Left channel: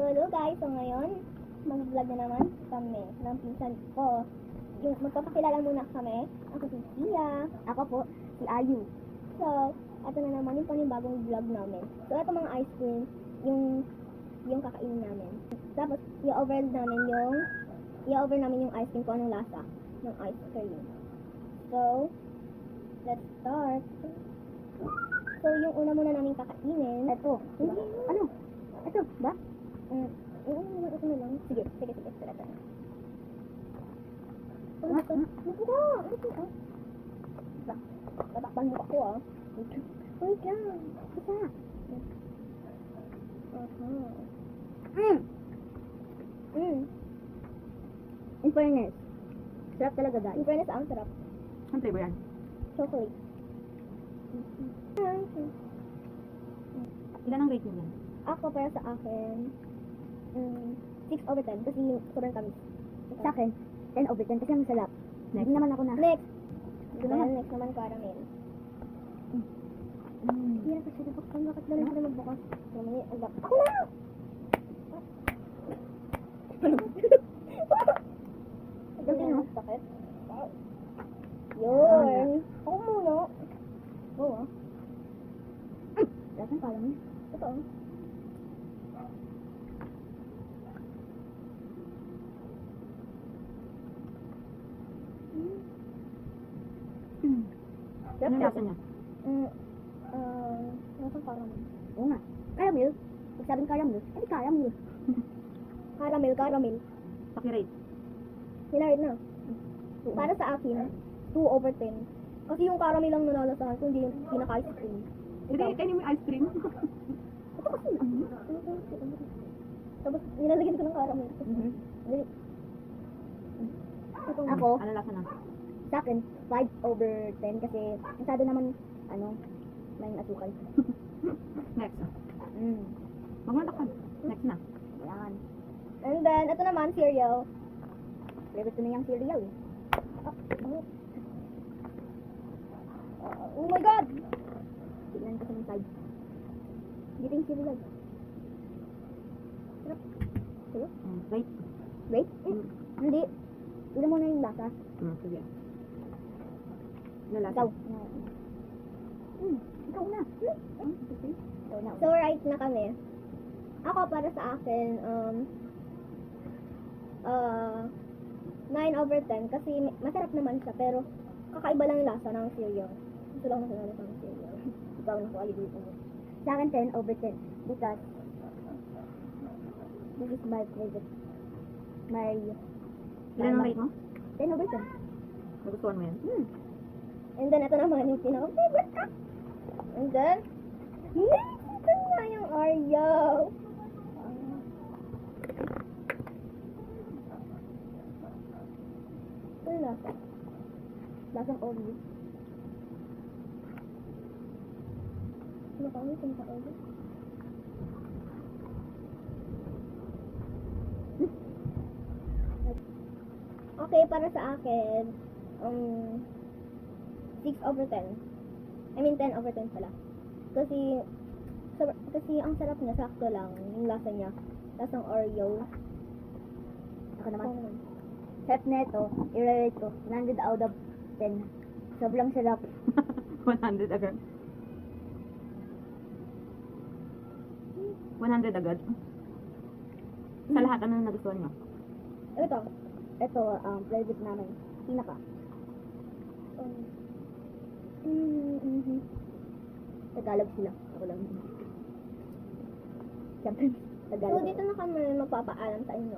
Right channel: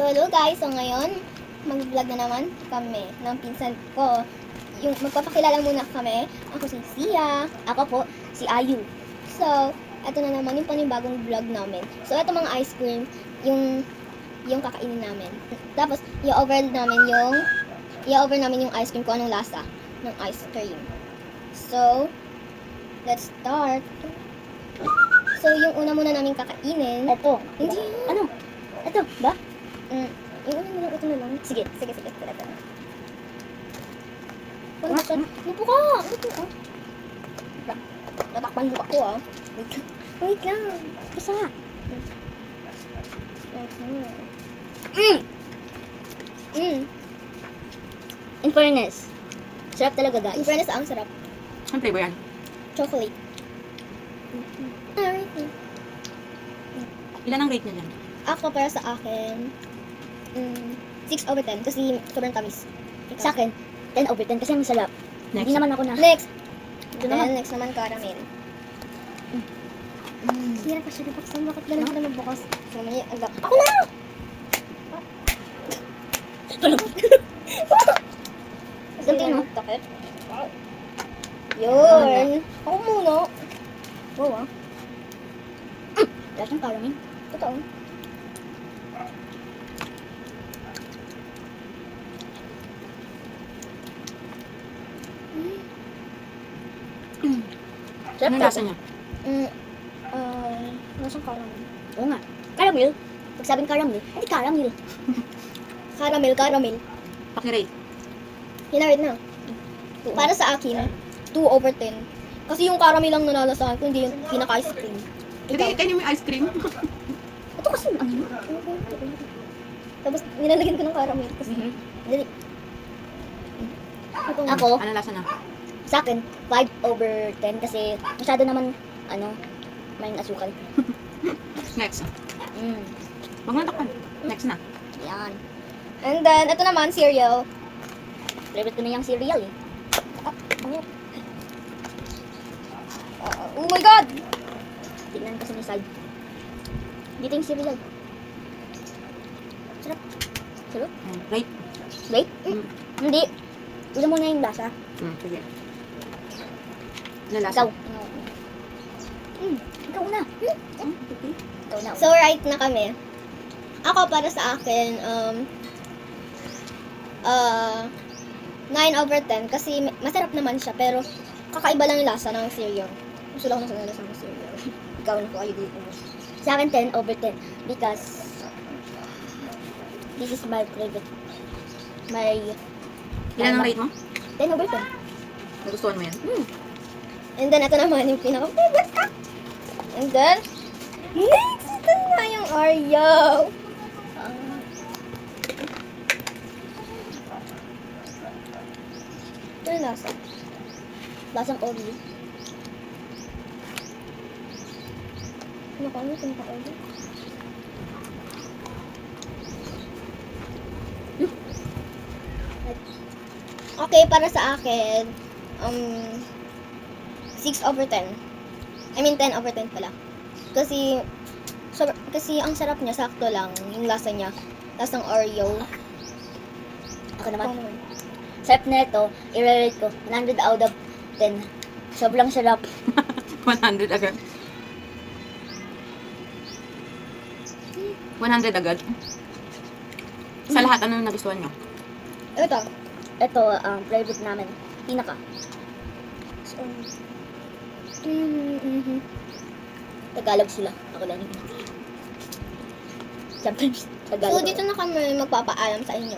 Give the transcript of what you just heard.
So, hello guys. So, ngayon, mag-vlog na naman kami ng pinsan ko. Yung magpapakilala muna kami. Ako si Sia. Ako po, si Ayu. So, ito na naman yung panibagong vlog namin. So, ito mga ice cream, yung kakainin namin. Tapos, i-over namin yung ice cream kung anong lasa ng ice cream. So, let's start. So, yung una muna namin kakainin. Ito. Hindi. Ano? Ito, ba? Yung una muna, ito na lang. Sige. Ito. Ano ba? Lupo ka! Tatakpan mo ako ah. Wait lang. Isa. In fairness, sarap talaga In guys. fairness, ang sarap. Ang flavor yan? Chocolate. Ilan ang rate niya dyan? Ako para sa akin, 6/10 kasi sobrang tamis. Sa akin, 10/10 kasi ang sarap. Hindi Next. naman ako na. Next. Ito naman. Next naman caramel. Sira pa siya di buksan. Bakit ganun ka na magbukas? So, may agak. Ako na! Ganti, no? Takip. Yun. Ako muna. Wow ah. Last ng caramel. Totoo. Sarap Anong talaga. lasa niya? Nasaan caramel? Oo nga. Caramel. Pag sabing caramel, hindi caramel. Caramel. Paki-rate. Hinarad na. Oo. Para sa akin, 2/10. Kasi yung caramel lang nalalasahan ko, hindi yung pinaka-ice cream. Hindi, kainin mo yung ice cream. Ito kasi ano? Tapos, nilalagyan ko ng caramel. Kasi, dali. Ako, Anong lasa na? sa akin, 5/10 kasi masyado naman, may asukal. Next. Mm. Huwag mo takpan. Next na. Yan. And then, ito naman, cereal. Favorite ko na yung cereal eh. Oh my God! Tignan ko sa may side. Dito yung cereal. Sarap. Sarap? Rate. Wait. Hindi. Ulam mo na yung lasa. Sige. Anong lasa? Ikaw. Ikaw na. Okay. Ikaw na. So, right na kami. Ako, para sa akin, 9/10 kasi masarap naman siya, pero kakaiba lang yung lasa ng cereal. Gusto lang ako ng lasa ng cereal. Ikaw na po, ayaw dito. Sa akin, 10/10 because this is my favorite. My Ilan ang rate mo? 10/10. Nagustuhan mo yan? And then, ito naman yung pinaka-favorite ka. And then, next, ito na yung Oreo. Ito yung lasa. Lasang Oreo. Ano ka? Ano yung Oreo? Okay, para sa akin, 6/10. I mean, 10/10 pala. Kasi ang sarap niya, sakto lang. Yung lasa niya. Lasang Oreo. Ako naman. Sarap na ito. I-rate ko. 100 out of 10. Sobrang sarap. 100 agad. 100 agad. Sa lahat, ano nagustuhan nyo? Ito. Ito, favorite namin. Pinaka. Tagalog sila. Ako lang yun. Sometimes, Tagalog. So, dito na kami magpapaalam sa inyo.